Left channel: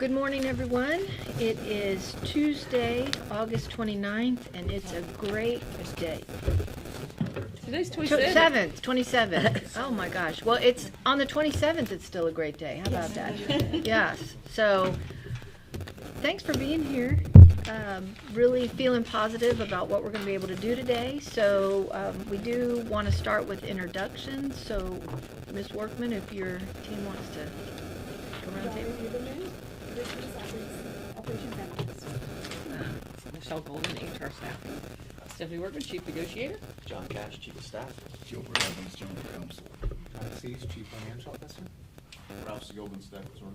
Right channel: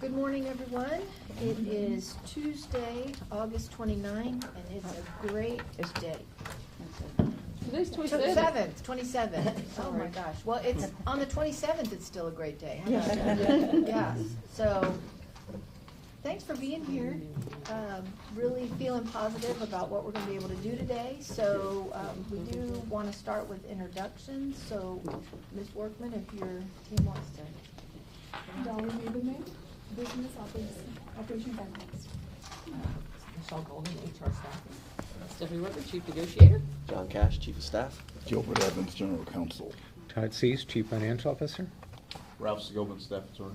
Good morning, everyone. It is Tuesday, August 29th, and it's a great day. Today's 27th. Oh my gosh. Well, it's on the 27th, it's still a great day. How about that? Yes. So, thanks for being here. Really feeling positive about what we're going to be able to do today. So, we do want to start with introductions. So, Ms. Workman, if your team wants to come around the table. Operations Analyst. Michelle Golden, HR staffing. Stephanie Workman, Chief Negotiator. John Cash, Chief of Staff. Gilbert Evans, General Counsel. Todd Cease, Chief Financial Officer. Ralph Segovan, Staff Attorney.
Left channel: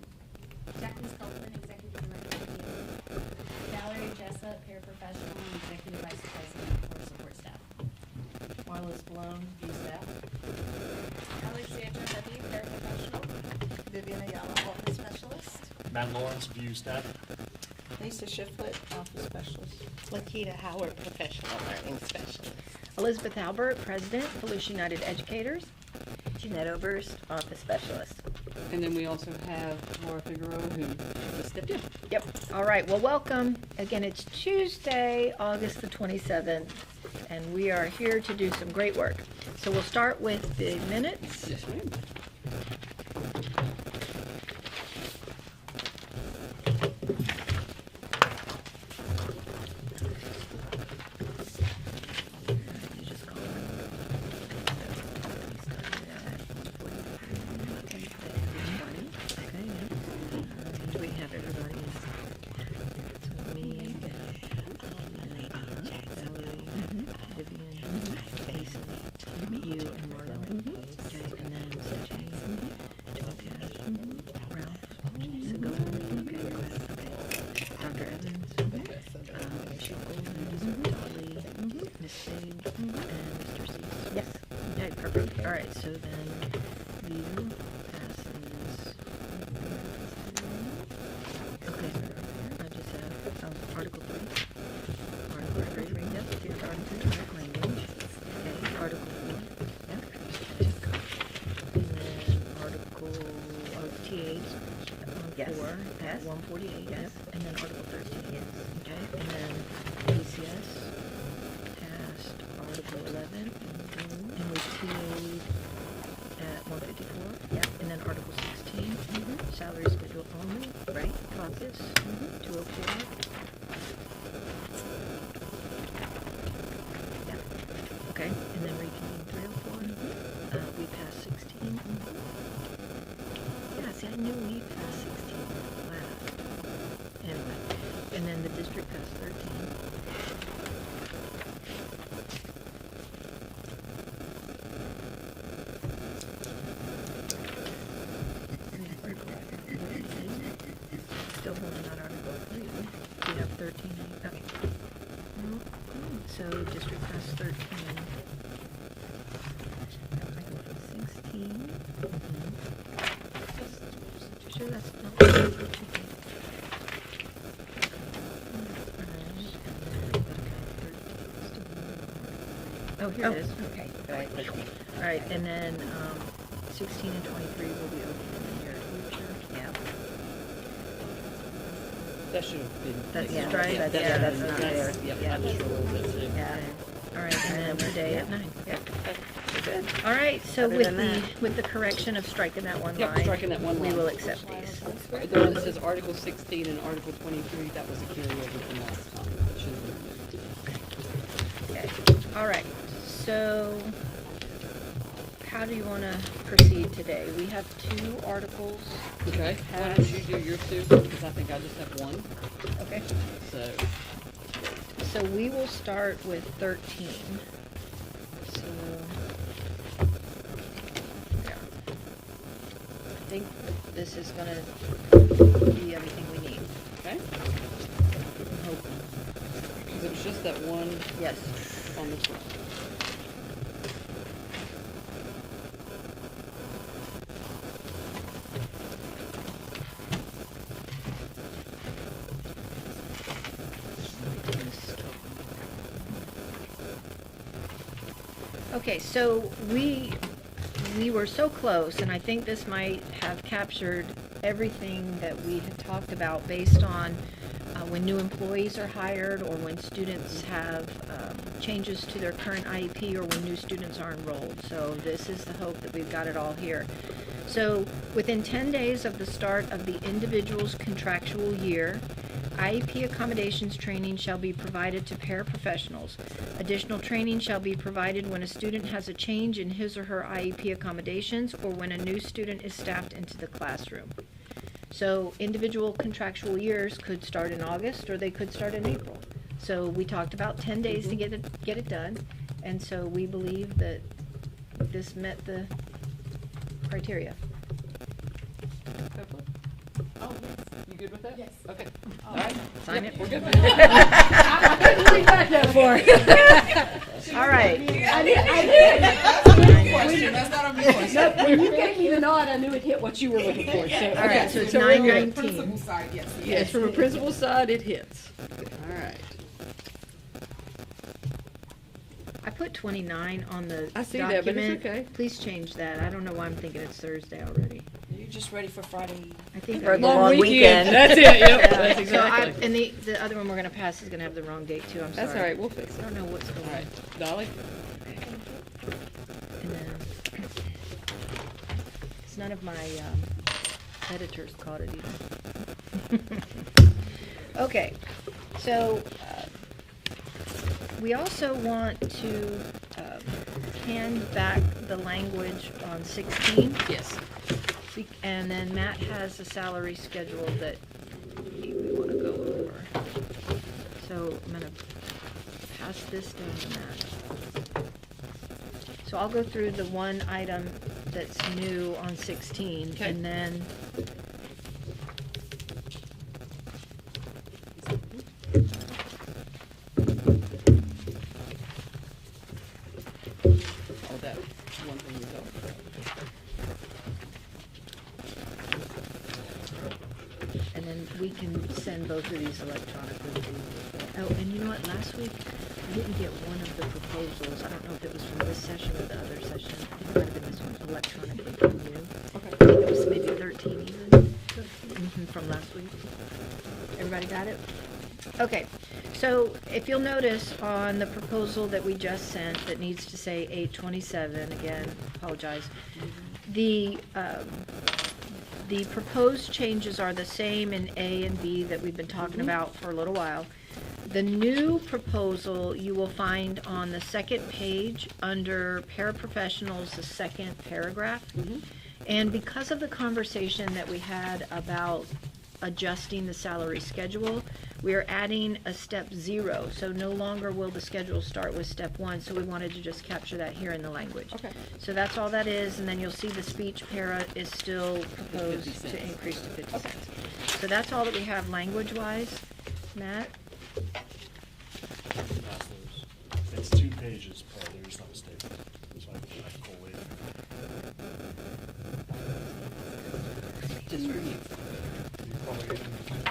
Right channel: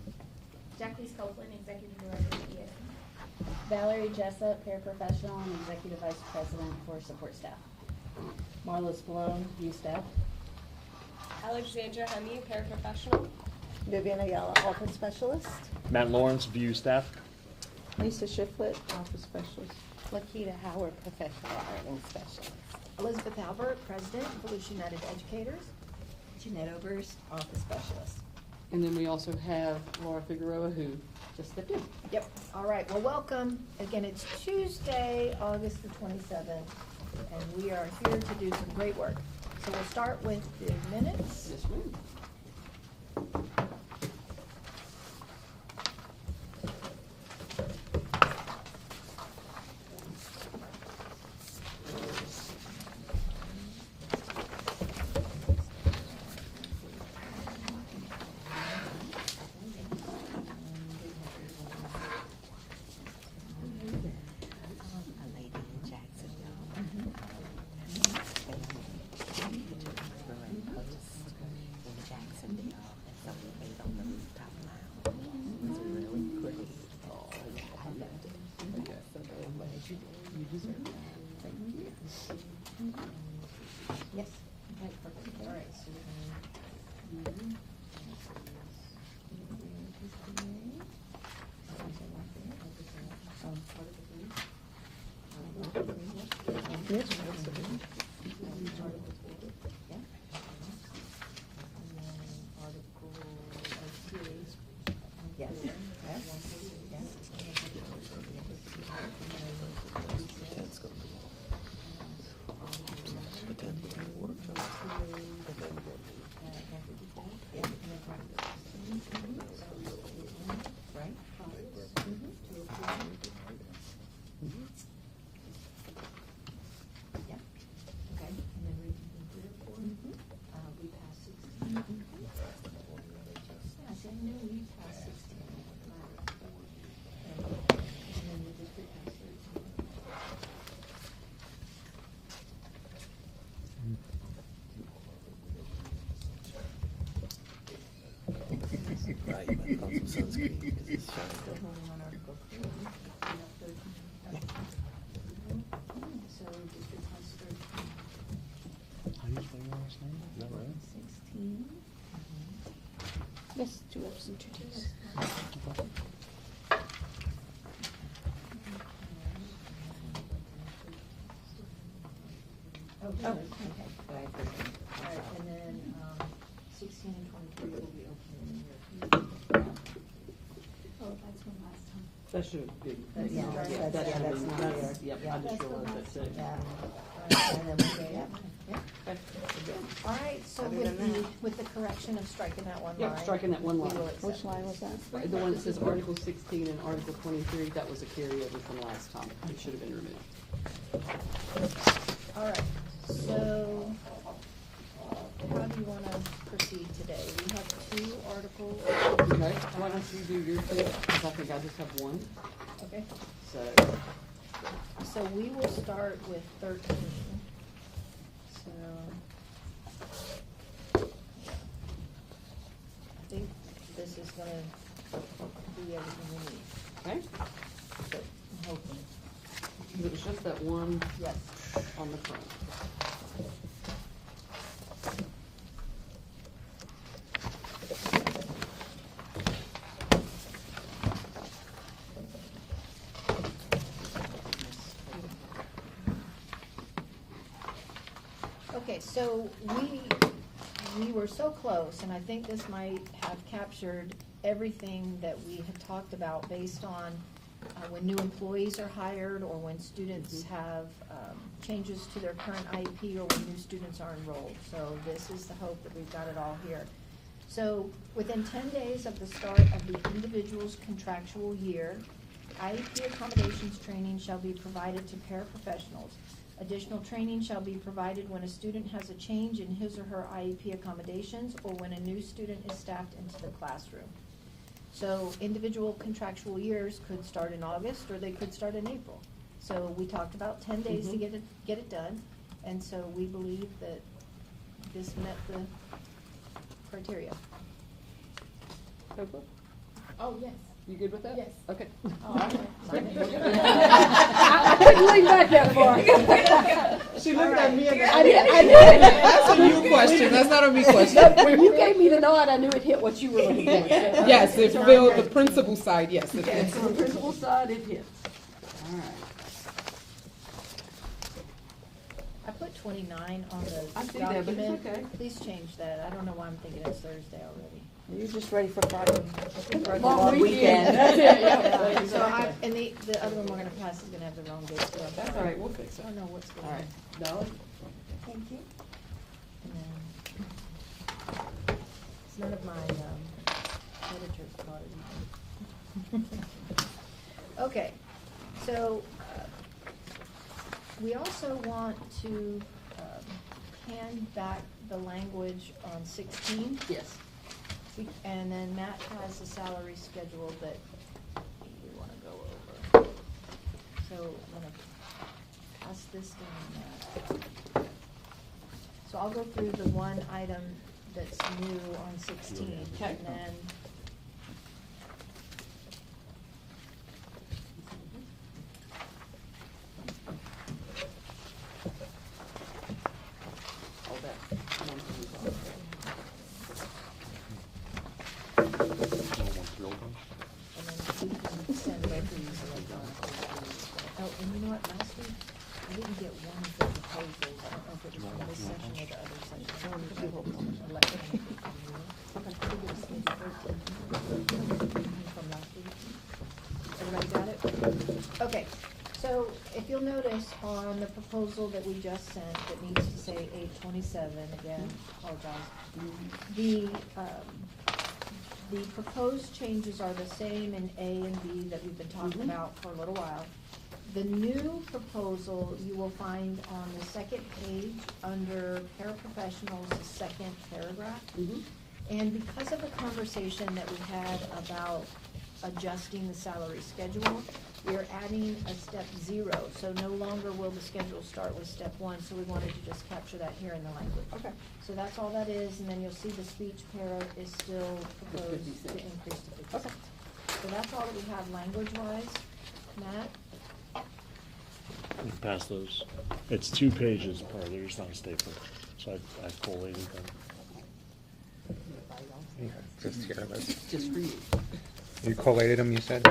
Jacqueline Sculpin, Executive Director of PA. Valerie Jessup, Paraprofessional and Executive Vice President for Support Staff. Marla Spallone, View Staff. Alexandra Honey, paraprofessional. Vivian Ayala, Office Specialist. Matt Lawrence, View Staff. Lisa Shiflett, Office Specialist. Lakita Howard, Professional Learning Specialist. Elizabeth Albert, President, Volusia United Educators. Jeanette Oberst, Office Specialist. And then we also have Laura Figueroa, who just stepped in. Yep. All right. Well, welcome. Again, it's Tuesday, August the 27th, and we are here to do some great work. So we'll start with the minutes. Yes, ma'am. Yes. Okay, perfect. All right, so then you passes. Okay, I just have Article 3. Article 3, yep, here, Article 3, language. Okay, Article 4. Yep. And then Article of TAs, Yes. 4, Yes. 148, Yes. and then Article 13. Yes. Okay, and then PCS passed Article 11, and we TA'd at 154. Yep. And then Article 16, salary schedule only, right, caucus, 204. Yep, okay, and then reconvene 304. We passed 16. Yeah, see, I knew we passed 16 last. Anyway, and then the district passed 13. Still holding on Article 3. We have 13. Okay. So district passed 13. Article 16. Sure, that's not. Oh, here it is. Okay. All right. All right, and then 16 and 23 will be open in here. Yeah. That should have been. That's Yeah, right. that's- Yeah, that's not there. Yep, Yeah. I just realized that. Yeah. All right, and then today at 9. Yep. Good. All right, so Other with than the, that- with the correction of striking that one Yep, line. striking that one We line. will accept Which line these. is that? Right, the one that says Article 16 and Article 23, that was a carryover from last time. It should have been removed. Okay. All right, so how do you want to proceed today? We have 2 articles. Okay, why don't you do your two, because I think I just have one, Okay. so. So we will start with 13. So, yeah. I think this is gonna be everything we need. Okay. I'm hoping. Because it's just that one Yes. on the front. Okay, so we were so close, and I think this might have captured everything that we had talked about based on when new employees are hired or when students have changes to their current IEP or when new students are enrolled. So this is the hope that we've got it all here. So within 10 days of the start of the individual's contractual year, IEP accommodations training shall be provided to paraprofessionals. Additional training shall be provided when a student has a change in his or her IEP accommodations or when a new student is staffed into the classroom. So individual contractual years could start in August or they could start in April. So we talked about 10 days to get it done, and so we believe that this met the criteria. Copeland? Oh, yes. You good with that? Yes. Okay. All right. Sign it. We're good with that. I couldn't lean back that far. All right. I did. That's a good question. That's not a big question. When you gave me the nod, I knew it hit what you were looking for. So, Yes, so if it's you're on the 9:19. principal side, yes, it Yes, is. from a principal side, it hits. All right. I put 29 on the I see that, but it's document. okay. Please change that. I don't know why I'm thinking it's Thursday already. You're just ready for Friday. I think For the we're- long weekend. That's it, yep. Yeah, That's so exactly. and the other one we're gonna pass is gonna have the wrong date too, I'm sorry. That's all right, we'll fix I it. don't know what's going All on. right, Dolly? And then, it's none of my editors caught it either. Okay, so, we also want to hand back the language on 16. Yes. And then Matt has a salary schedule that we want to go over. So I'm going to pass this down to Matt. So I'll go through the one item that's new on 16, Okay. and then All that. One from the top. and then we can send both of these electronically. Oh, and you know what, last week, I didn't get one of the proposals, I don't know if it was from this session or the other session, I don't know if it might have been this one, electronically from you. Okay. It was maybe 13 even, from last week. Everybody got it? Okay, so if you'll notice on the proposal that we just sent that needs to say 827, again, apologize, the proposed changes are the same in A and B that we've been talking about for a little while. The new proposal you will find on the second page under paraprofessionals, the second paragraph. And because of the conversation that we had about adjusting the salary schedule, we are adding a step 0. So no longer will the schedule start with step 1, so we wanted to just capture that here in the language. Okay. So that's all that is, and then you'll see the speech para is still proposed 50 to cents. increase to 50 Okay. cents. So that's all that we have language-wise. Matt? Pass those. It's 2 pages per, there's not a staple. So I collated them. Just for you. You collated them, you said? I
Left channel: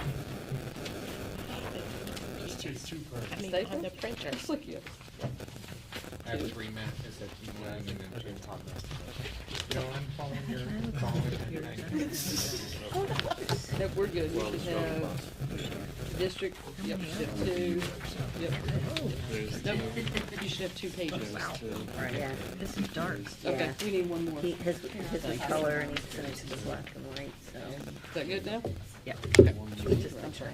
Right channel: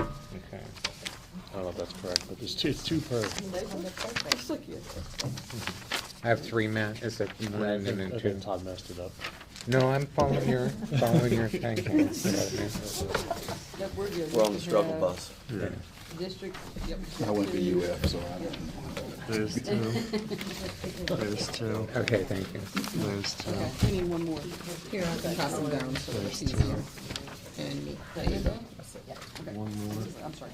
don't know if that's correct. It's two per. Just look at it. I have 3, Matt. Is that I one and think then 2? Todd messed it up. No, I'm following your thing. Yep, we're good. We're on the struggle bus. District, yep. I went to UF, so There's 2. You should have 2 pages. There's 2. Okay, thank you. There's 2. Okay, we need one more. Because here are the Pass it color. down. There's two. Is that good now? Yeah. One more. I'm sorry.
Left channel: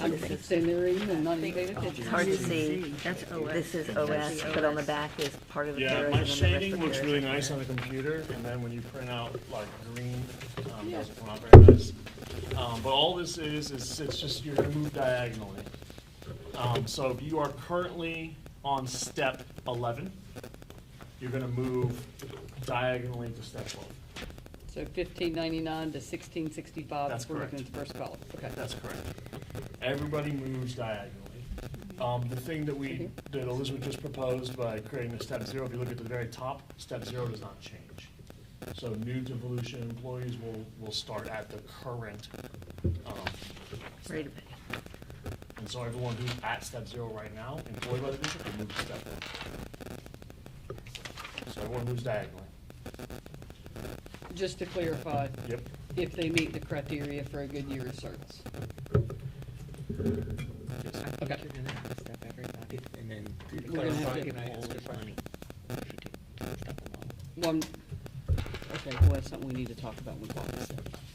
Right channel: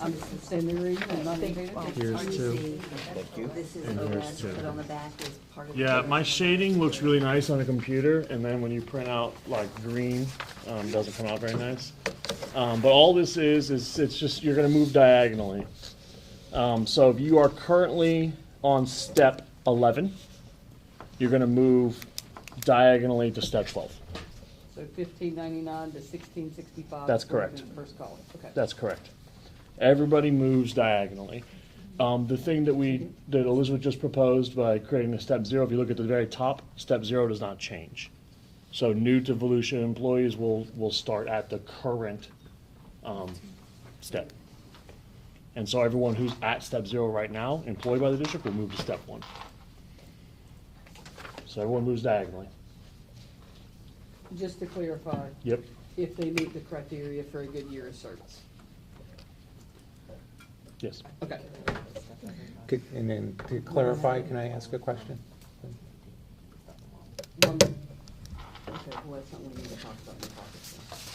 I'm sitting there reading and not paying attention. It's hard to Here's two. see. That's OS. This is OS, but on the back is part of the. Yeah, yours, my and then the shading rest looks of really yours. nice on the computer, and then when you print out like green, doesn't come out very nice. But all this is it's just you're gonna move diagonally. So if you are currently on step 11, you're gonna move diagonally to step 12. So 1599 to 1665. That's according correct. to the First column, okay. That's correct. Everybody moves diagonally. The thing that Elizabeth just proposed by creating the step 0, if you look at the very top, step 0 does not change. So new to Volusia employees will start at the current step. And so everyone who's at step 0 right now, employed by the district, will move to step 1. So everyone moves diagonally. Just to clarify, Yep. if they meet the criteria for a good year of service. Yes. Okay. And then to clarify, can I ask a question? Okay, well, that's something we need to talk about with Bob. I just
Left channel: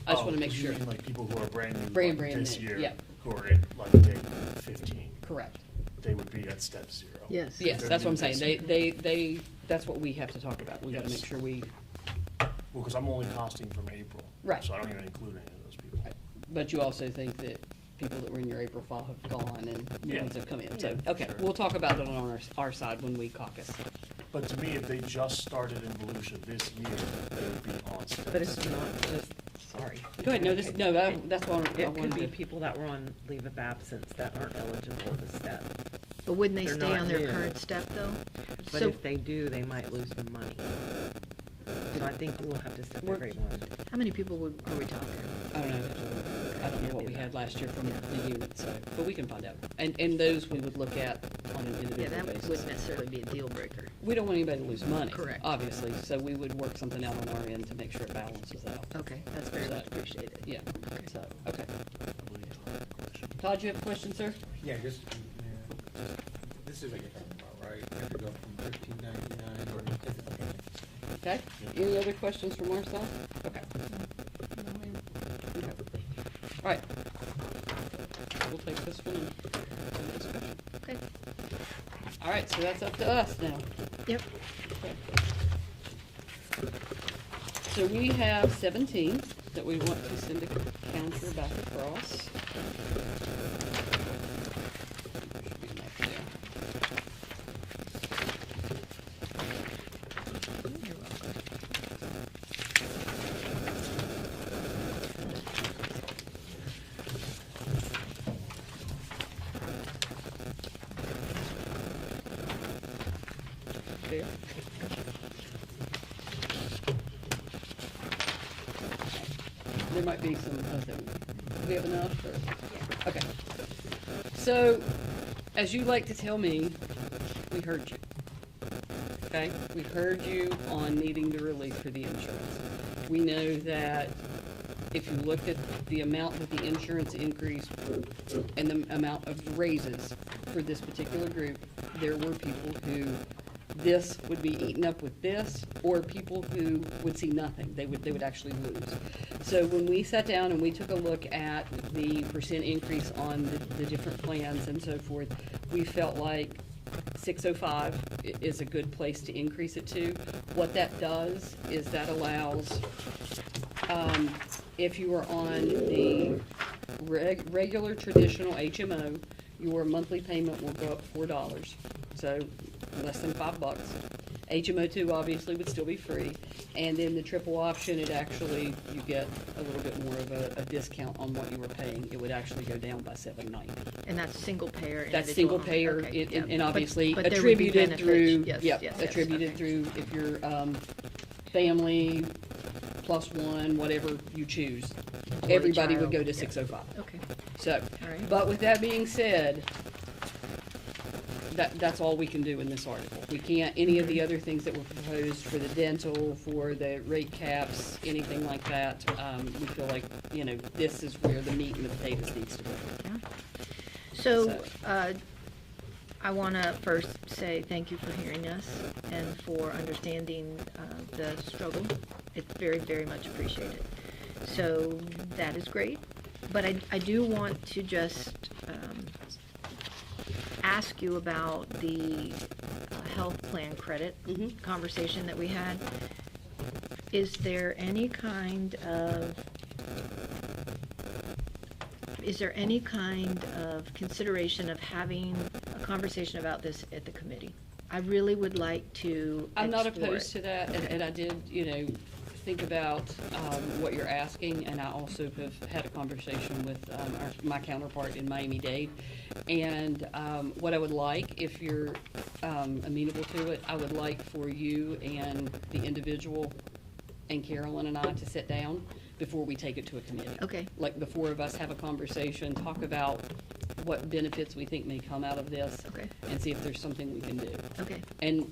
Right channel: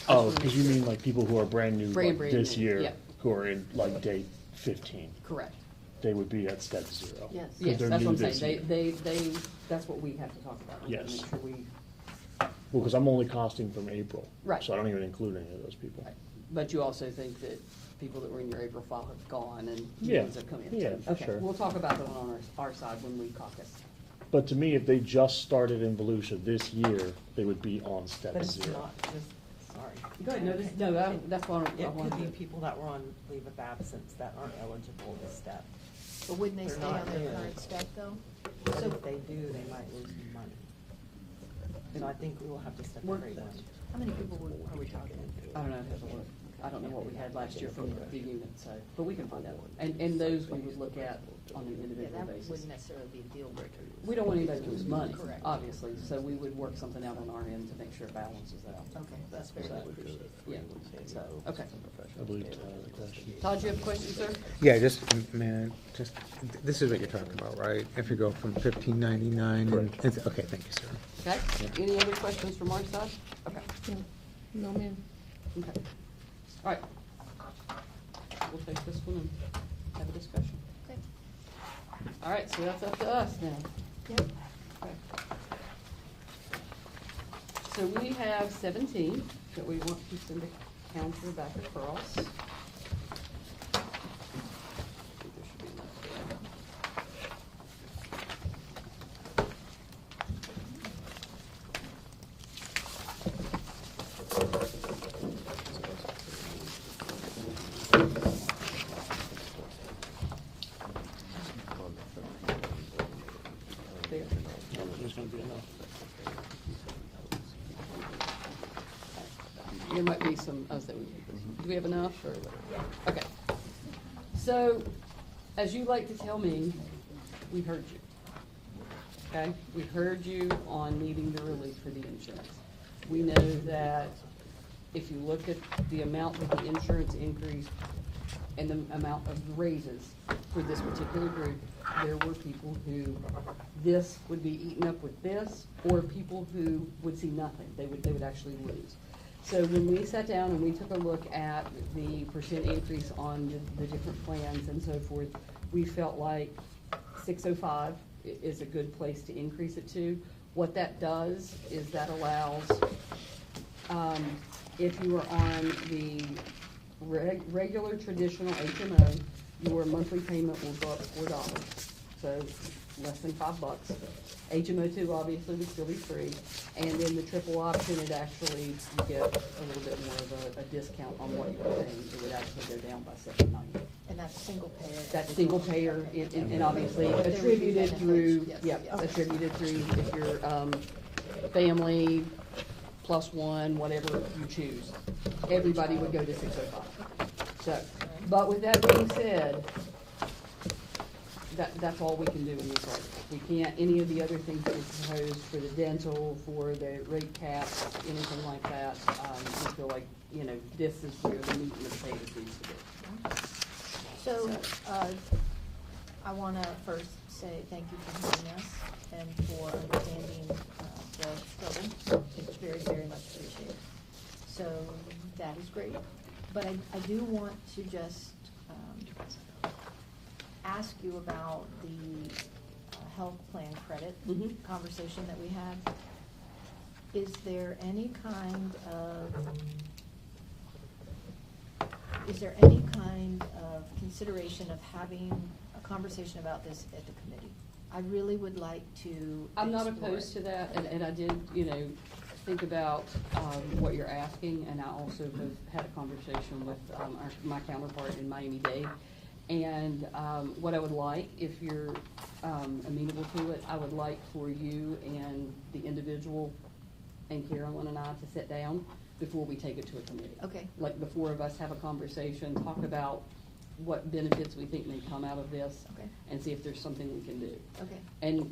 Oh, wanna make because you sure. mean like people who are brand new Brand this new, year, yeah. who are in like day 15, Correct. they would be at step 0. Yes. If Yes, they're that's new what I'm saying. this They, year. that's what we have to talk about. We gotta Yes. make sure we, Well, because I'm only costing from April. Right. So I don't even include any of those people. but you also think that people that were in your April file have gone and new Yeah. ones have come in. Yeah, So, for okay, sure. we'll talk about it on our side when we caucus. But to me, if they just started in Volusia this year, they would be on step But it's 0. not just, sorry. Go ahead, that's why I It could wanted be to. people that were on leave of absence that aren't eligible to step. But wouldn't they They're stay not on their new. current step though? But So if they do, they might lose some money. So I think we'll have to step We're- everyone. how many people are we talking? I don't know. I don't know what we had last year from the unit, so, but we can find out. And those we would look at on an Yeah, individual that basis. wouldn't necessarily be a deal breaker. We don't want anybody to lose money. Correct. Obviously, so we would work something out on our end to make sure it balances out. Okay, that's very much appreciated. Yeah, so, okay. I believe I had a question. Todd, you have a question, sir? Yeah, just, man, just, this is what you're talking about, right? If you go from 1599, okay, thank you, sir. Okay, any other questions from our side? Okay. No, ma'am. Okay. All right. We'll take this one and have a discussion. Okay. All right, so that's up to us now. Yep. So we have 17 that we want to send a counter back across. There. There might be some, do we have enough, or? Okay. So, as you like to tell me, we heard you. Okay? We heard you on needing the relief for the insurance. We know that if you look at the amount of the insurance increase and the amount of raises for this particular group, there were people who this would be eaten up with this, or people who would see nothing. They would actually lose. So when we sat down and we took a look at the percent increase on the different plans and so forth, we felt like 605 is a good place to increase it to. What that does is that allows, if you are on the regular traditional HMO, your monthly payment will go up $4. So less than $5. HMO 2 obviously would still be free. And in the triple option, it actually, you get a little bit more of a discount on what you were paying. It would actually go down by $7.90. And that's single payer? That's individual? single payer Okay, yeah. and obviously But there would be attributed benefits. through, Yes, yep, yes, yes. attributed through if you're, family +1, whatever you choose. Or a Everybody would child. go to 605. Okay, So, right. but with that being said, that's all we can do in this article. We can't, any of the other things that were proposed for the dental, for the rate caps, anything like that, we feel like, this is where the meat and the potatoes needs to be. So, I want to first say thank you for hearing us and for understanding the struggle. It's very, very much appreciated. So that is great. But I do want to just ask you about the health plan credit Mhm. conversation that we had. Is there any kind of consideration of having a conversation about this at the committee? I really would like to I'm not explore opposed it. to that, and I did, think about what you're asking, and I also have had a conversation with my counterpart in Miami-Dade. And what I would like, if you're amenable to it, I would like for you and the individual and Carolyn and I to sit down before we take it to a committee. Okay. Like the four of us have a conversation, talk about what benefits we think may come out of this, Okay. and see if there's something we can do. Okay. And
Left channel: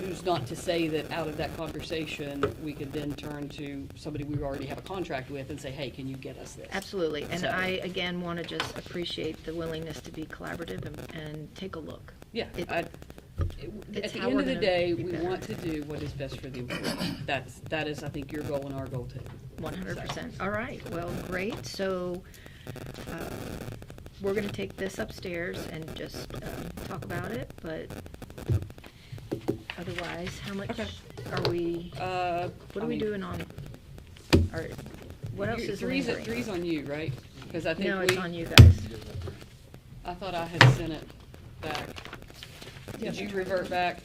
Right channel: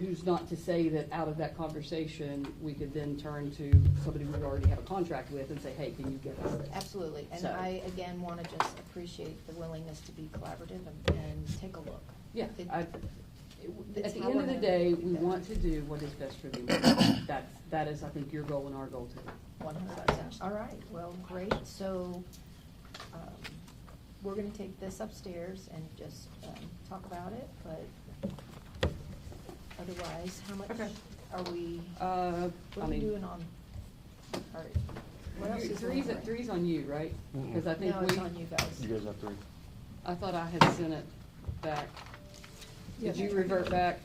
who's not to say that out of that conversation, we could then turn to somebody we already have a contract with and say, hey, can you get us this? Absolutely, and So- I, again, wanna just appreciate the willingness to be collaborative and take a look. Yeah, It- at it's the how end we're of the gonna day, be we better. want to do what is best for the employee. That is, I think, your goal and our goal too. 100%. All right, well, great. So we're going to take this upstairs and just talk about it, but otherwise, how much Okay. are we, what are we doing on, or what else is lingering? Three's on you, right? Because I think No, we, it's on you guys. You guys have three. I thought I had sent it back. Did you revert back?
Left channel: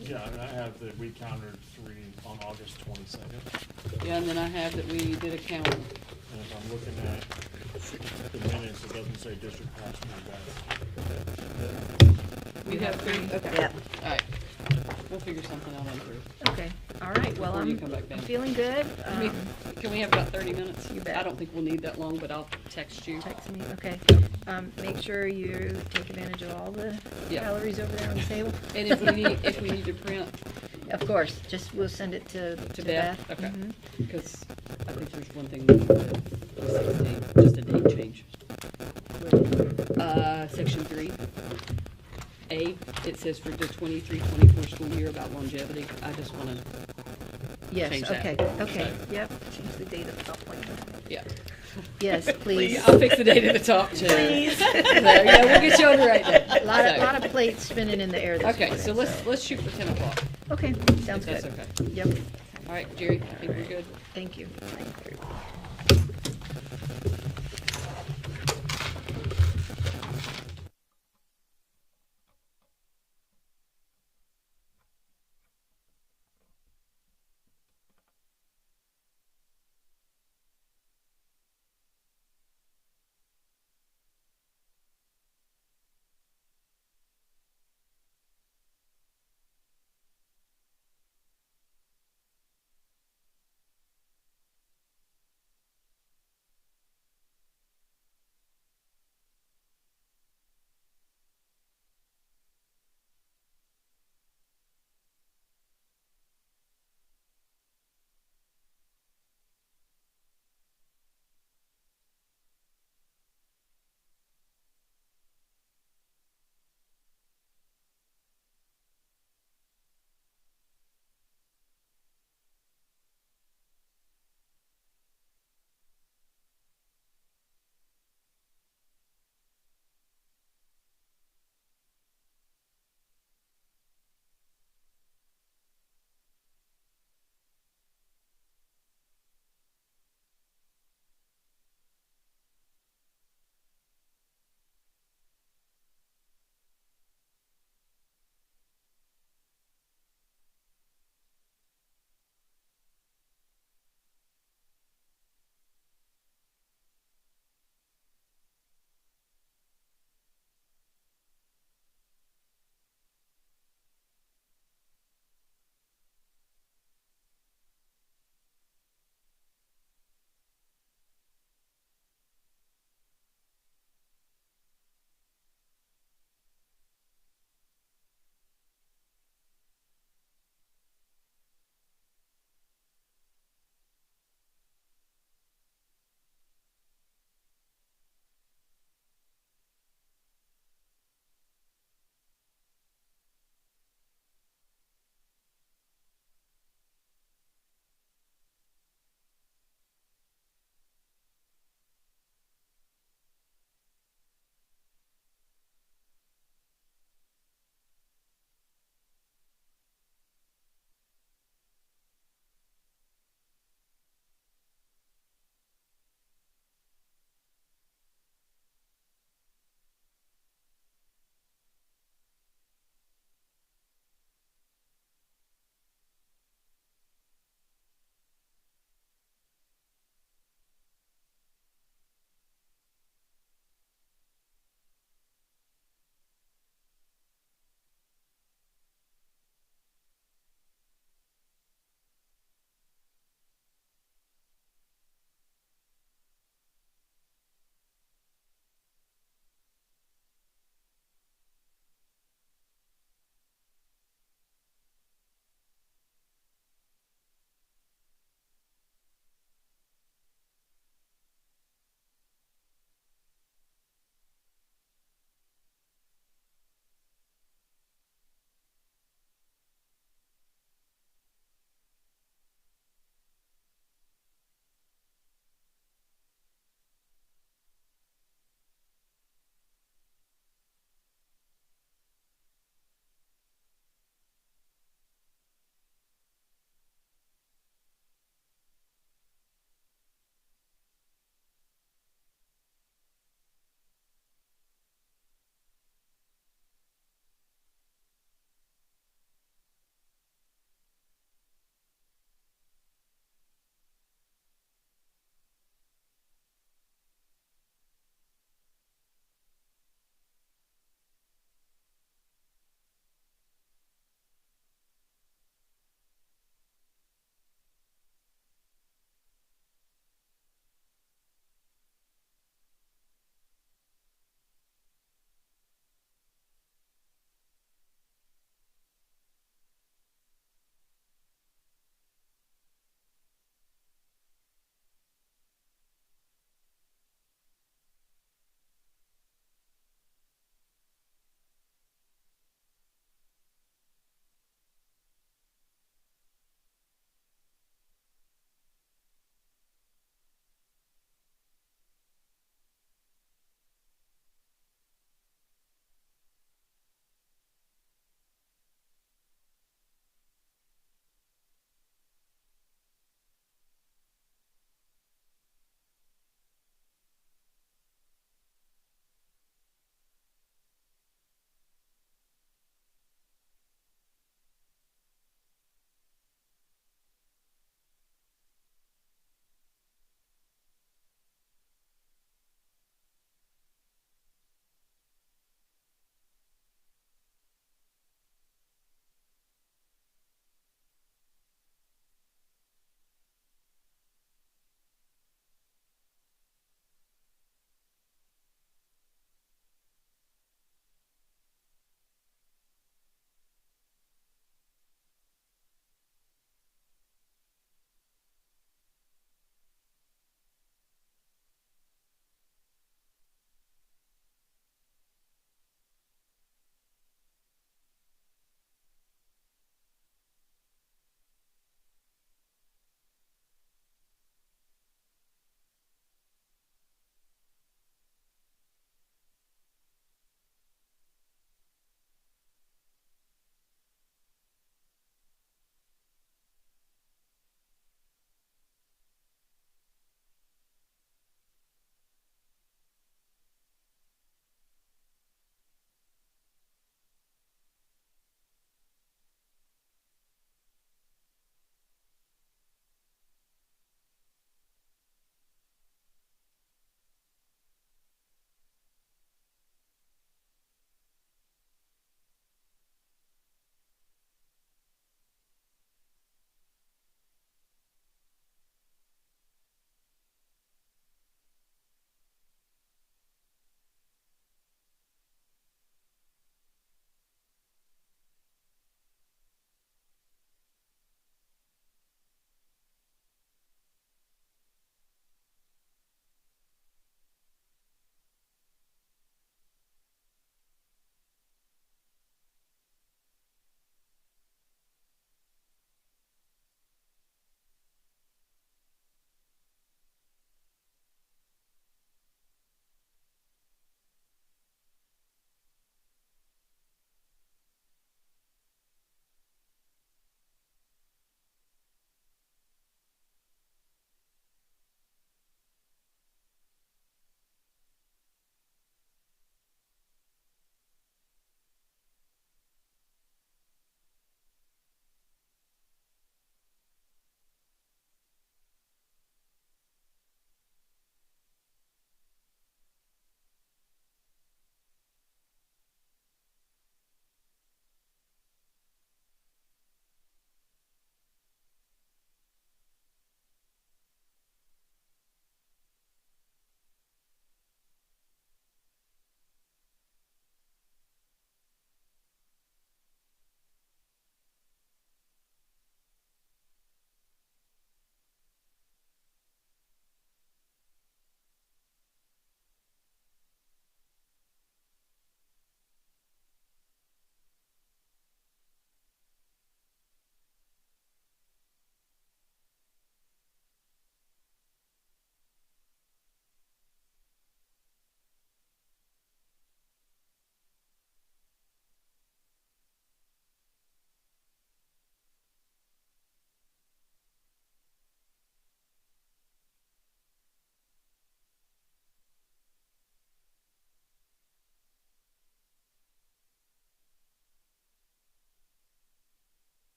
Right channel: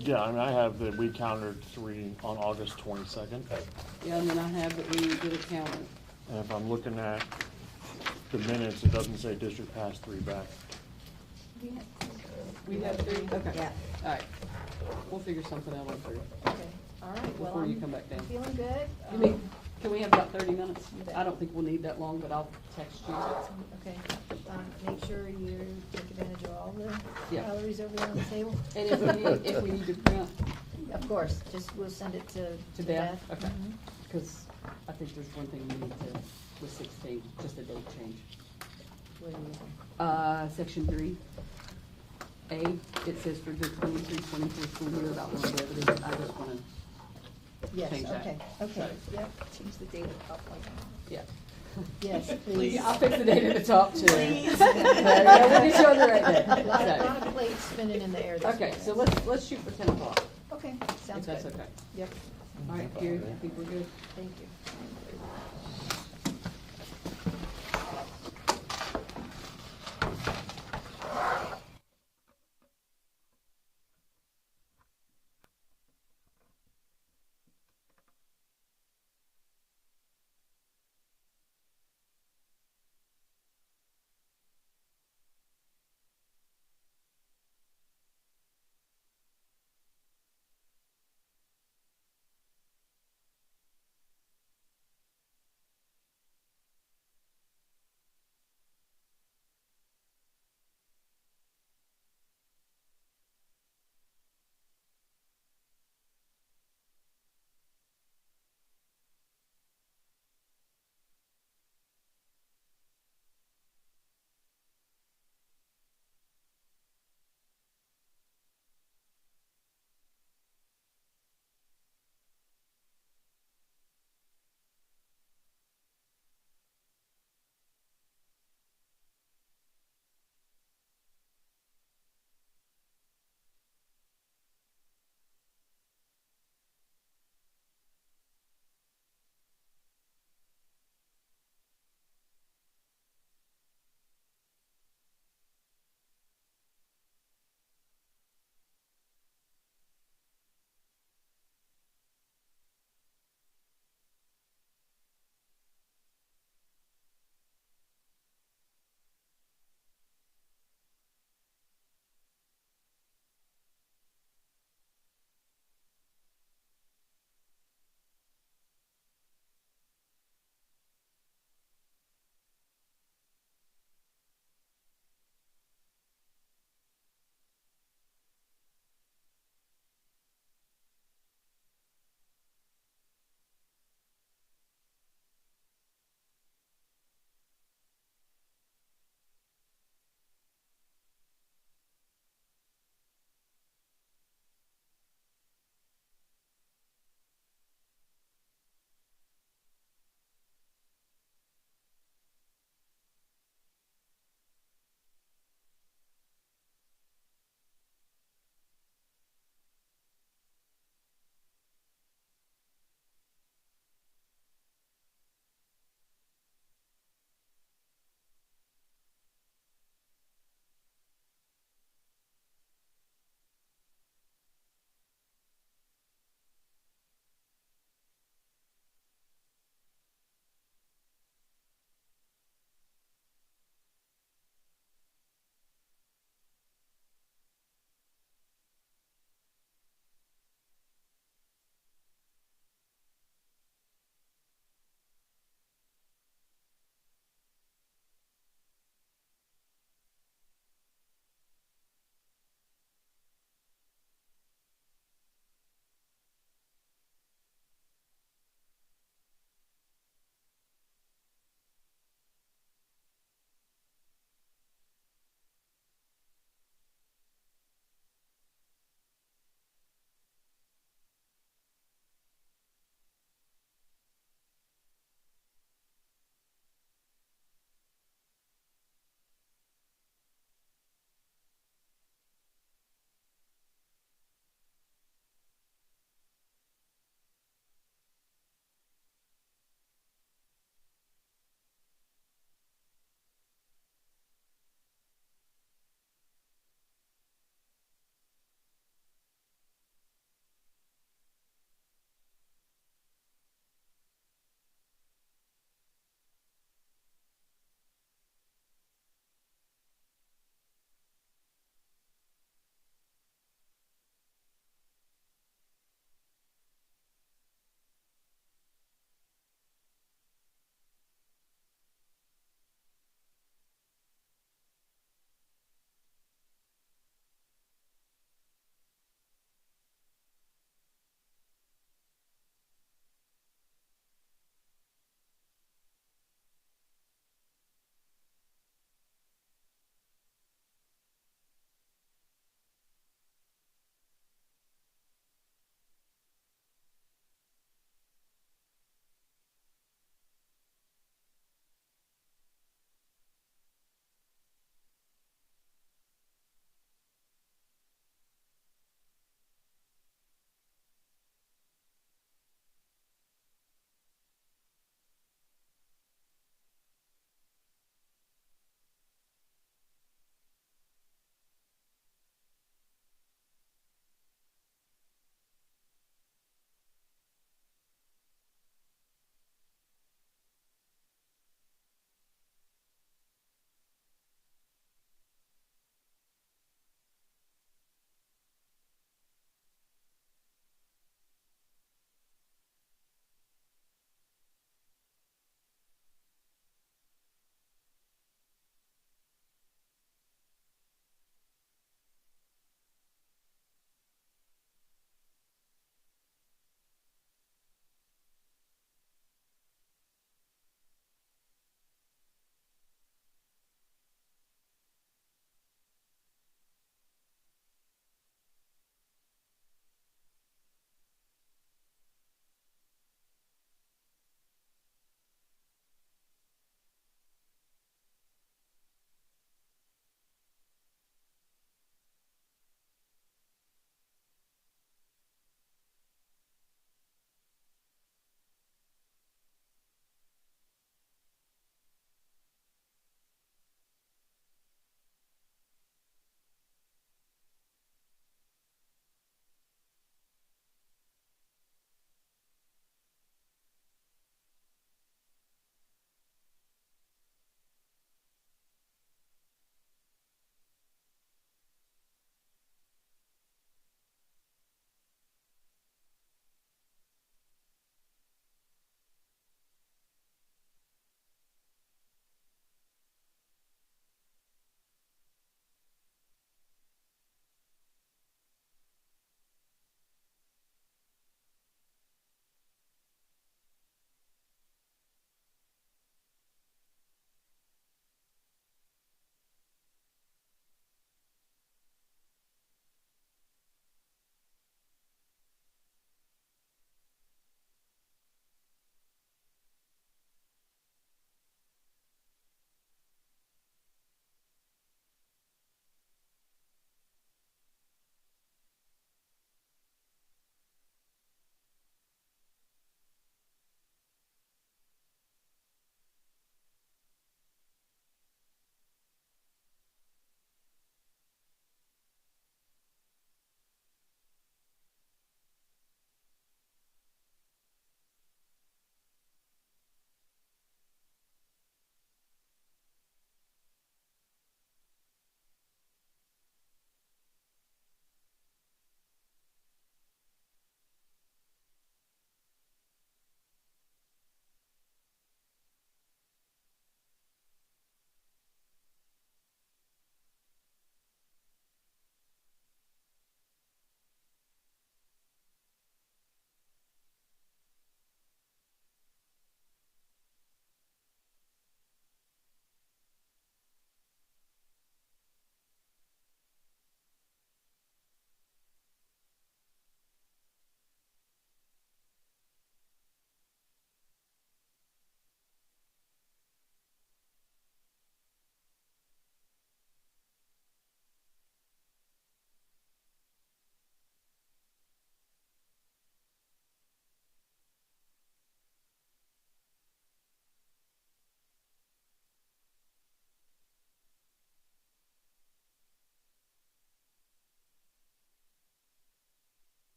Yeah, I mean, I have that we countered 3 on August 22nd. Yeah, and then I have that we did a count. And if I'm looking at the minutes, it doesn't say district pass 3 back. We have three, okay. Yep. All right. We'll figure something out on three. Okay, all right, well, Before you come back, Ben. feeling good. Can we have about 30 minutes? You bet. I don't think we'll need that long, but I'll text you. Okay, make sure you take advantage of all the Yeah. calories over there on the table. And if we need to print Of course, just, we'll send it to to Beth. Beth, okay. Mhm. Because I think there's one thing we need to, just a date change. Section 3, A, it says for the 23-24 school year about longevity. I just want to, Yes, Change that. okay, okay, yep, change the date of the top plan. yeah. Yes, please. I'll fix the date at the top too. Please. There you go, we'll get you on the right day. A lot of plates spinning in the air this Okay, morning. so let's shoot for 10 o'clock, Okay, sounds if good. that's okay. Yep, All right, Jerry, think we're good? thank you. Thank you very much.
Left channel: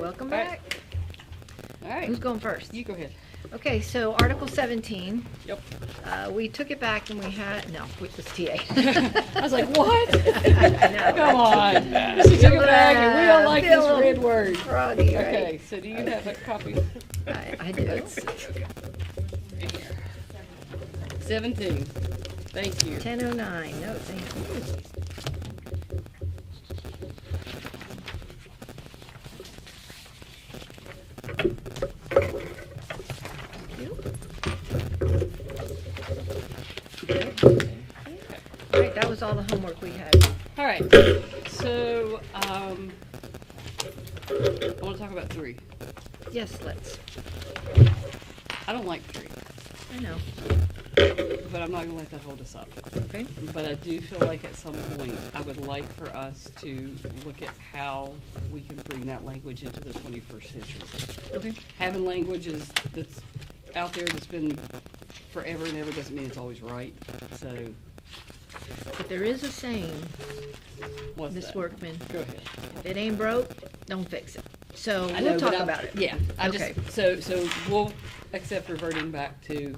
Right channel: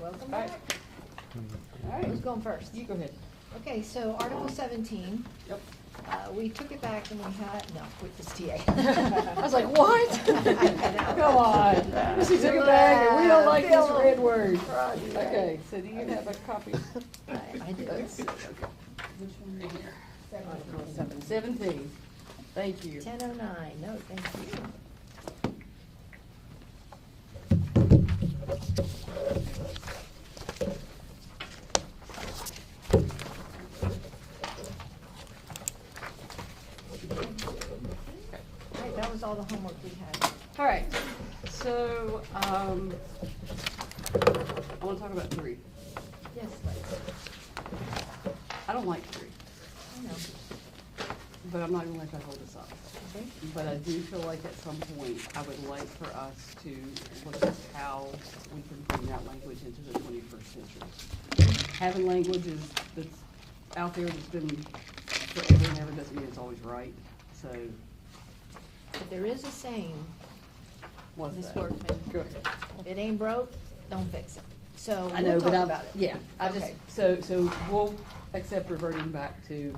Welcome All right. back. All right, Who's going first? you go ahead. Okay, so Article 17, Yep. we took it back and we had, no, it was TA. I was like, what? know. Come on. She took it back and we don't like Feel this a little red word. Froggy, right? Okay, so do you have a copy? I do. Let's see. 17. Thank you. 10:09, no, thank you. All right, that was all the homework we had. All right, so, I want to talk about 3. Yes, let's. I don't like 3, I know. but I'm not gonna let that hold us up. Okay. But I do feel like at some point, I would like for us to look at how we can bring that language into the 21st century. Having languages that's out there that's been forever and ever doesn't mean it's always right, so But there is a saying, what's Ms. that? Workman, Go ahead. it ain't broke, don't fix it. So I we'll know, talk but about it. Yeah, I just, Okay. so we'll accept reverting back to,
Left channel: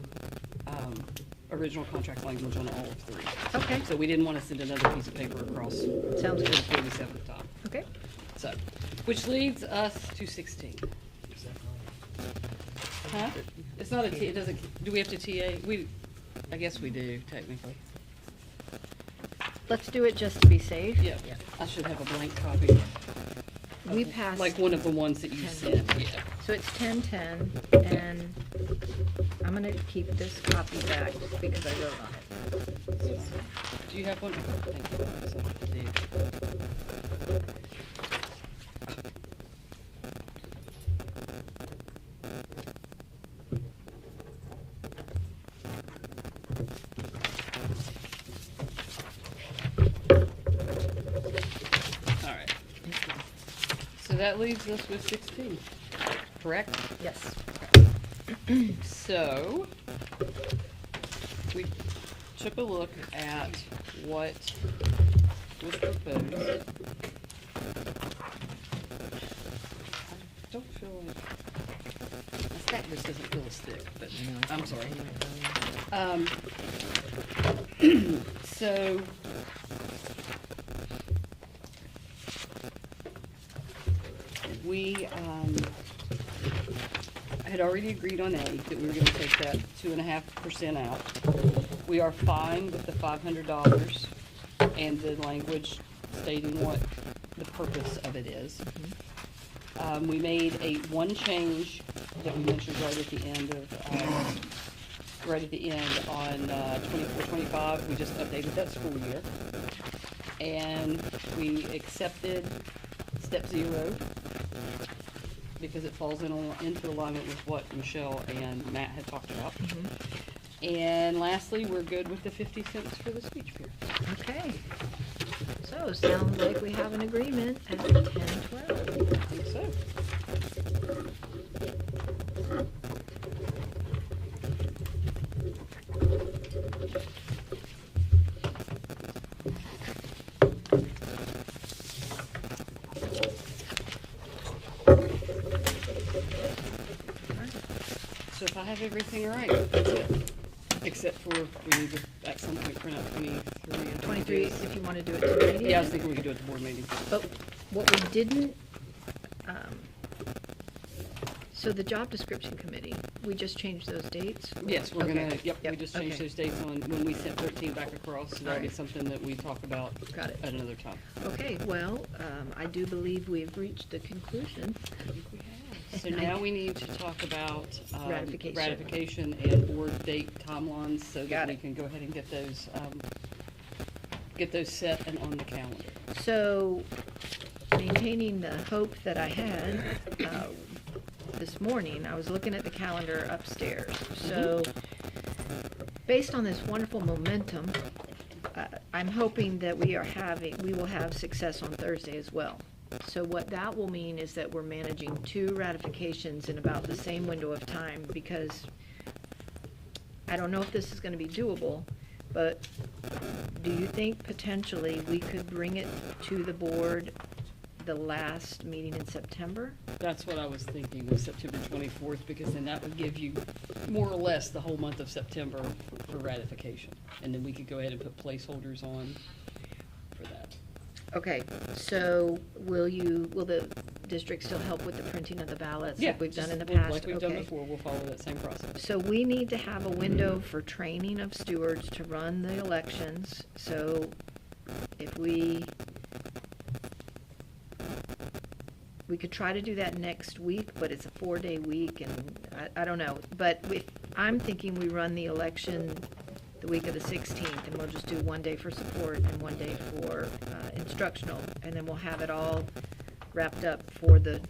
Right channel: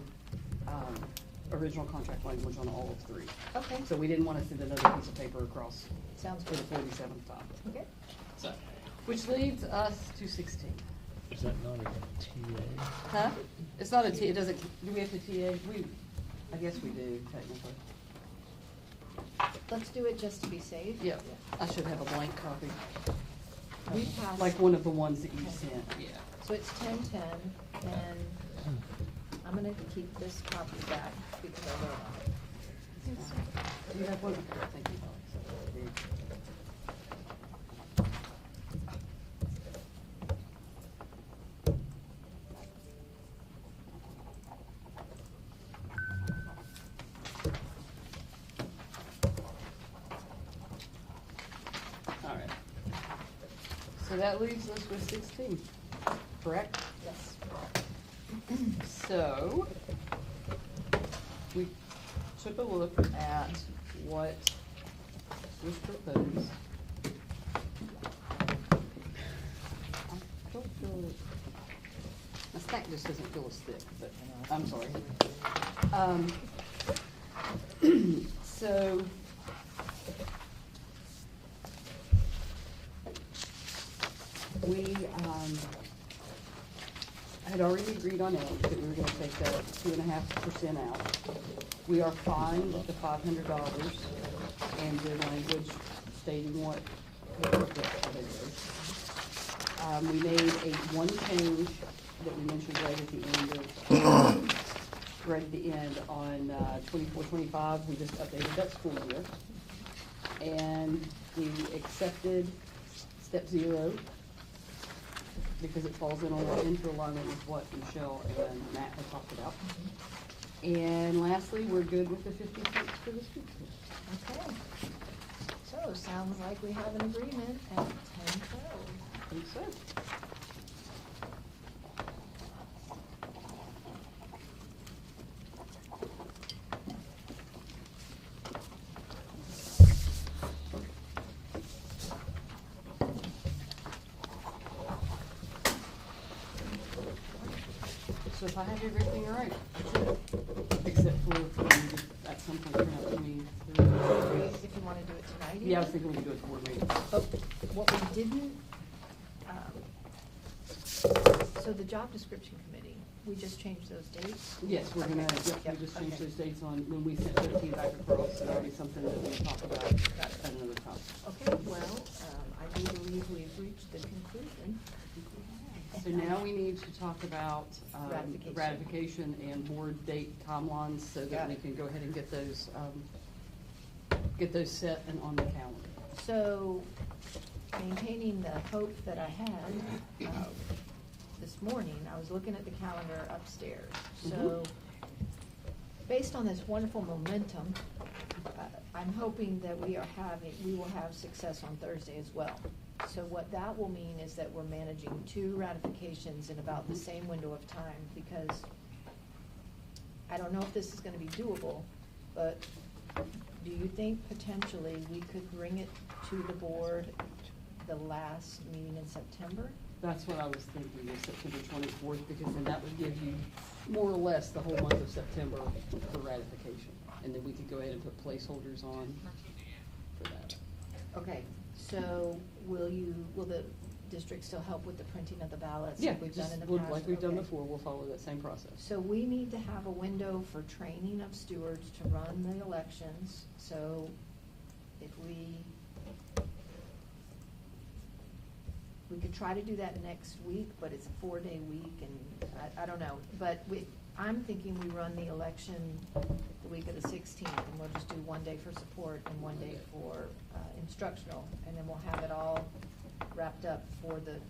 original contract language on all of 3. Okay, So we didn't wanna send another piece of paper across sounds for the good. 47th time. Okay. So, which leads us to 16. Is that not a- Huh? It's not a T, it doesn't, do we have to TA? I guess we do, technically. Let's do it just to be safe. Yeah, I should have a blank copy. We passed. Like one of the ones that you 10. sent, yeah. So it's 10:10, and I'm gonna keep this copy back because I wrote on it. Do you have one? Thank you. So I do. All right. So that leaves us with 16, correct? Yes. So, we took a look at what was proposed. I don't feel like, my stack just doesn't feel as thick, but I'm sorry. So, we, had already agreed on A, that we were gonna take that 2.5% out. We are fined the $500 and the language stating what the purpose of it is. We made one change that we mentioned right at the end on 24-25, we just updated that school year. And we accepted step 0, because it falls into alignment with what Michelle and Matt had talked about. And lastly, we're good with the 50 cents for the speech fee. Okay. So, sounds like we have an agreement at 10:12. So, so if I have everything right, that's it. Except for, at some point, we're not doing 23, if you want to do it tonight. Yeah, I was thinking we could do it at the board meeting. But what we didn't, so the job description committee, we just changed those dates? Yes, we're gonna, Okay. yep, Yep, we just changed okay. those dates when we sent 13 back across, so that'll be something that we talk about Got it. at another time. Okay, well, I do believe we've reached the conclusion. So now we need to talk about Ratification. ratification and board date timelines, so that Got we it. can go ahead and get those set and on the calendar. So, maintaining the hope that I had, this morning, I was looking at the calendar upstairs. So, based on this wonderful momentum, I'm hoping that we will have success on Thursday as well. So what that will mean is that we're managing 2 ratifications in about the same window of time, because I don't know if this is gonna be doable, but do you think potentially we could bring it to the board the last meeting in September? That's what I was thinking, was September 24th, because then that would give you more or less the whole month of September for ratification. And then we could go ahead and put placeholders on for that. Okay, so will the district still help with the printing of the ballots like we've done in the past? Like we've done Okay. before, we'll follow that same process. So we need to have a window for training of stewards to run the elections. So if we could try to do that next week, but it's a 4-day week, and I don't know. But I'm thinking we run the election the week of the 16th, and we'll just do 1 day for support and 1 day for instructional, and then we'll have it all wrapped up for the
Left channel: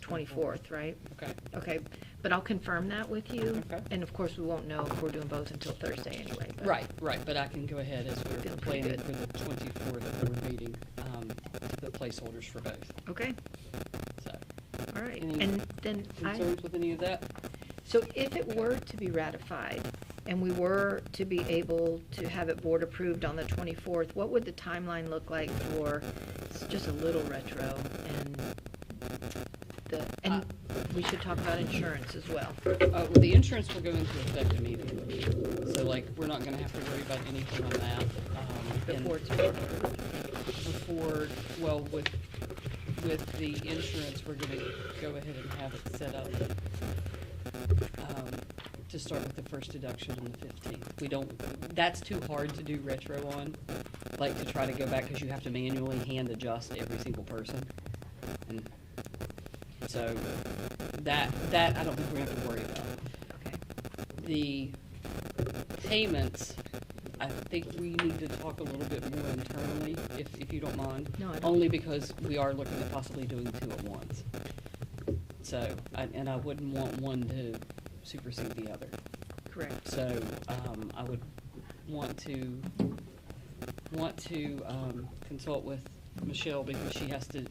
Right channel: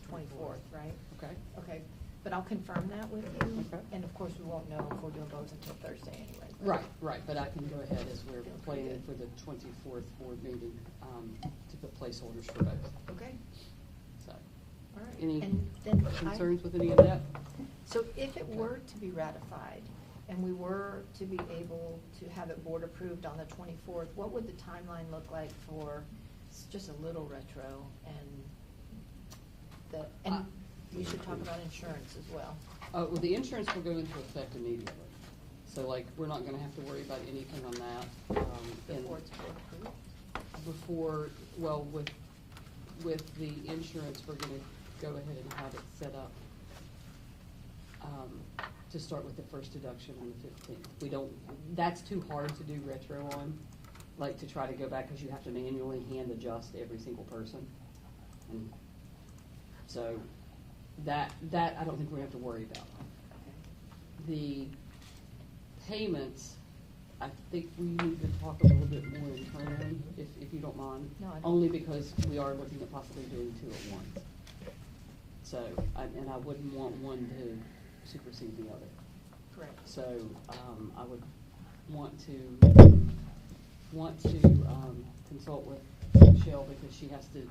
24th, right? Okay. Okay, but I'll confirm that with you, Okay. and of course, we won't know if we're doing both until Thursday anyway. but- Right, but I can go ahead as we're Feeling pretty planning good. for the 24th board meeting, to put placeholders for both, Okay, so. all right, Any and then Concerns with any of that? so if it were to be ratified, and we were to be able to have it board approved on the 24th, what would the timeline look like for, it's just a little retro, and we should talk about insurance as well. Well, the insurance will go into effect immediately, so like, we're not gonna have to worry about anything on that. And Before it's board approved. before, well, with the insurance, we're gonna go ahead and have it set up, to start with the first deduction on the 15th. We don't, that's too hard to do retro on, like to try to go back, cause you have to manually hand adjust every single person. And so, that I don't think we have to worry about. Okay. The payments, I think we need to talk a little bit more internally, if you don't mind. No, I don't. Only because we are looking at possibly doing two at once. So, and I wouldn't want one to supersede the other. Correct. So, I would want to consult with Michelle, because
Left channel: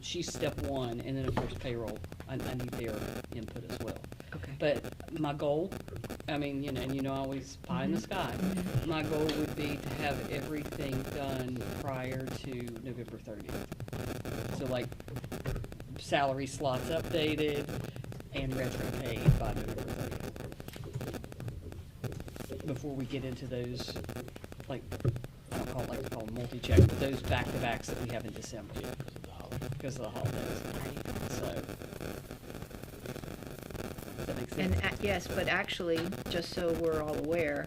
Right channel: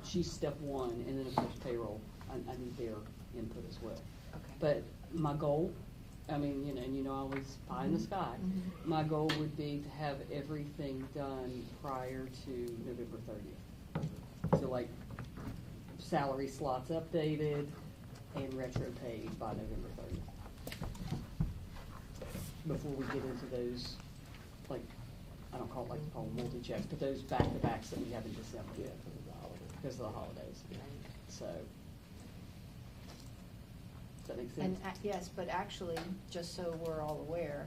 she's step one, and then of course payroll, I need their input as well. Okay. But my goal, I mean, and I always pie in the sky, my goal would be to have everything done prior to November 30th. So like, salary slots updated and retro paid by November 30th. Before we get into those, like, I don't call them multi-check, but those back-to-backs that we have in December, because of the holidays. So, does that make sense? And, yes, but actually, just so we're all aware,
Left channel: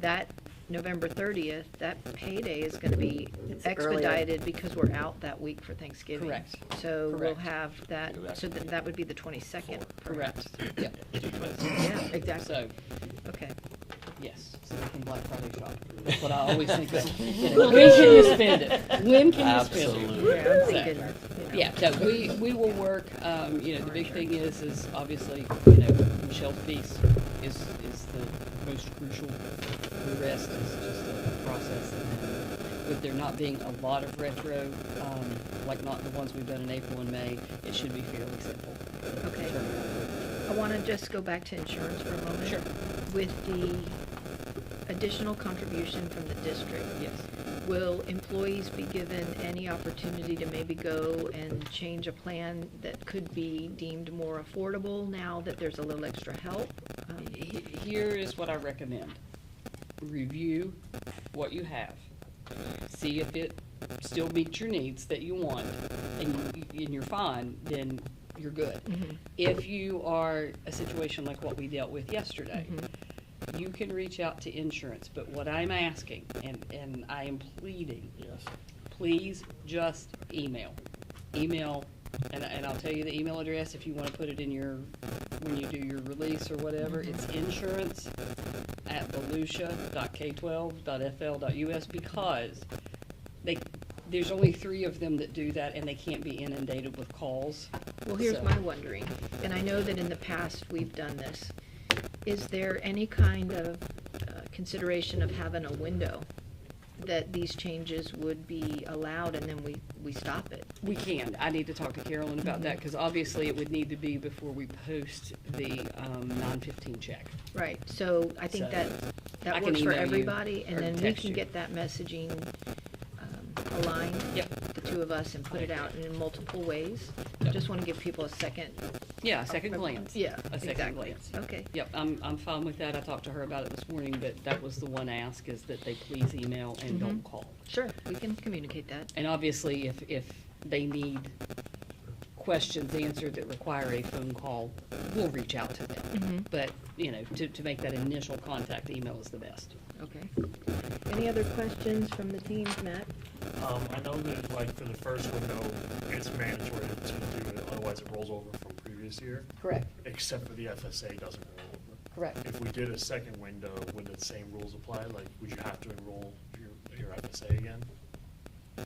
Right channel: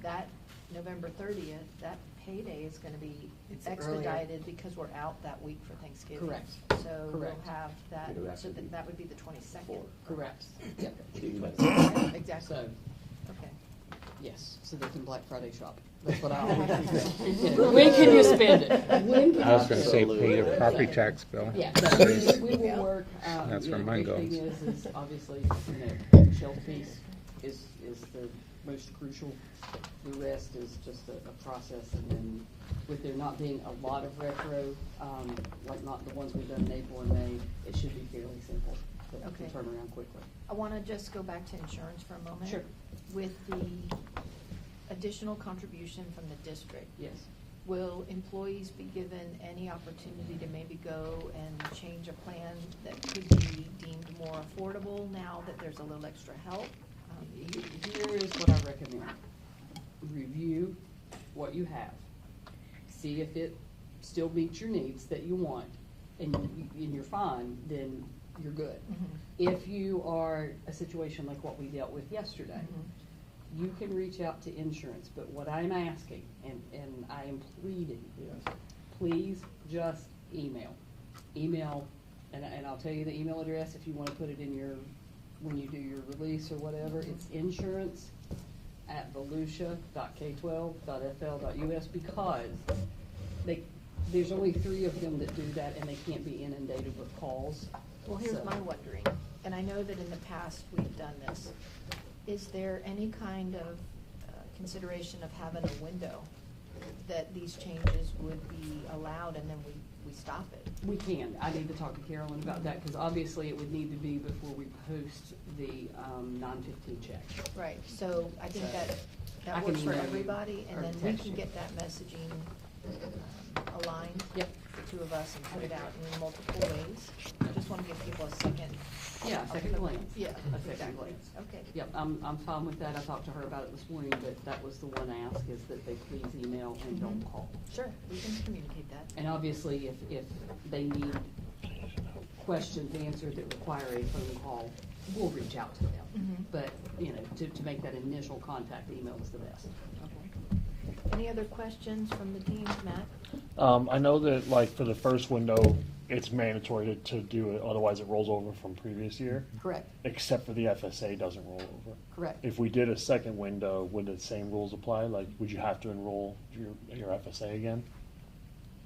that November 30th, that payday is gonna be It's earlier. expedited because we're out that week for Thanksgiving. Correct. So we'll Correct. have that, Go back. so that would be the 22nd. Correct. Yep. Yeah, exactly. So, Okay. yes, so we can Black Friday shop. That's what I always think. When can you spend it? When can I you was gonna spend say, it? pay your property So- tax bill. Yeah, no, we will work, That's the where mine big thing goes. is obviously, Michelle's piece is the most crucial. The rest is just a process. And with there not being a lot of retro, like not the ones we've done in April and May, it should be fairly simple. Okay. Turnaround. I wanna just go back to insurance for a moment. Sure. With the additional contribution from the district, Yes. will employees be given any opportunity to maybe go and change a plan that could be deemed more affordable now that there's a little extra help? Here is what I recommend. Review what you have. See if it still meets your needs that you want, and you're fine, then you're good. Mhm. If you are a situation like what we dealt with yesterday, Mhm. you can reach out to insurance, but what I'm asking, and I am pleading, Yes. please just email. Email, and I'll tell you the email address if you wanna put it in when you do your release or whatever, it's insurance@volusia.k12.fl.us, because there's only 3 of them that do that, and they can't be inundated with calls. Well, here's So- my wondering, and I know that in the past we've done this. Is there any kind of consideration of having a window that these changes would be allowed and then we stop it? We can. I need to talk to Carolyn about that, because obviously it would need to be before we post the 9/15 check. Right, so I think So, that I can works for email you everybody, and or then we text can you. get that messaging aligned. Yep. the two of us and put it out in multiple ways. I just want to give people a second. Yeah, second glance. Yeah, A second exactly. glance. Okay. Yep, I'm fine with that. I talked to her about it this morning, but that was the one ask, is that they please email and don't call. Sure, we can communicate that. And obviously, if they need questions answered that require a phone call, we'll reach out to them. Mhm. But, you know, to make that initial contact, email is the best. Okay. Any other questions from the team, Matt? I know that like for the first window, it's mandatory to do it, otherwise it rolls over from previous year, Correct, except for the FSA doesn't roll over. correct. If we did a second window, would the same rules apply? Like, would you have to enroll your FSA again?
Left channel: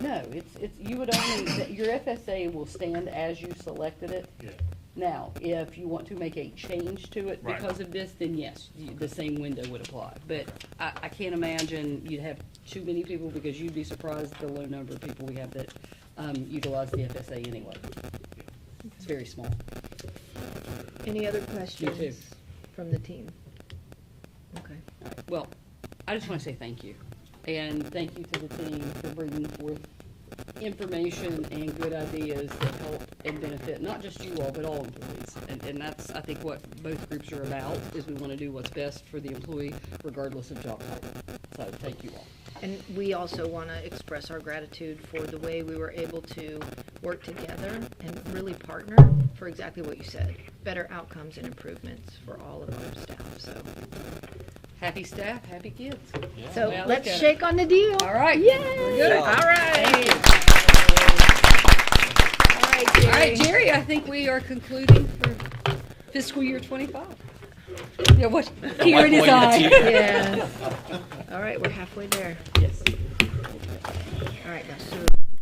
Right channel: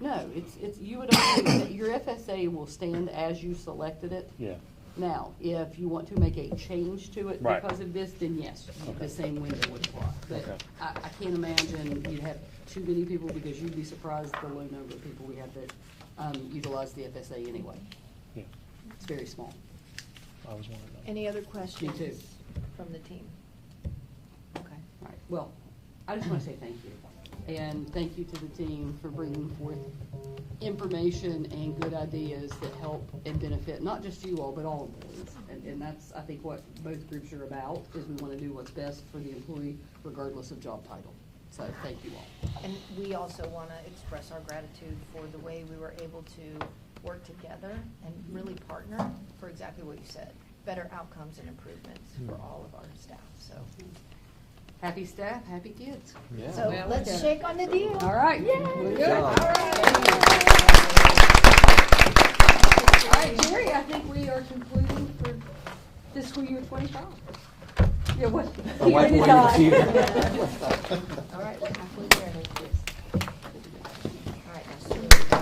No, it's, you would only, your FSA will stand as you selected it. Yeah. Now, if you want to make a change to it Right. because of this, then yes, the same window would apply. But Okay. I can't imagine you'd have too many people, because you'd be surprised the low number of people we have that utilize the FSA anyway. Yeah. It's very small. Any other questions from the team? Okay. All right. Well, I just want to say thank you. And thank you to the team for bringing forth information and good ideas that help and benefit not just you all, but all employees. And that's, I think, what both groups are about, is we want to do what's best for the employee regardless of job title. So thank you all. And we also want to express our gratitude for the way we were able to work together and really partner for exactly what you said, better outcomes and improvements for all of our staff, so. Happy staff, happy kids. So Well, let's okay. shake on the deal. All right. Yay! We're good. All right. All right, Jerry, I think we are concluding for fiscal year 25. You know what? Here it is. Yeah. All right, we're halfway there. Yes. All right, now, Sue.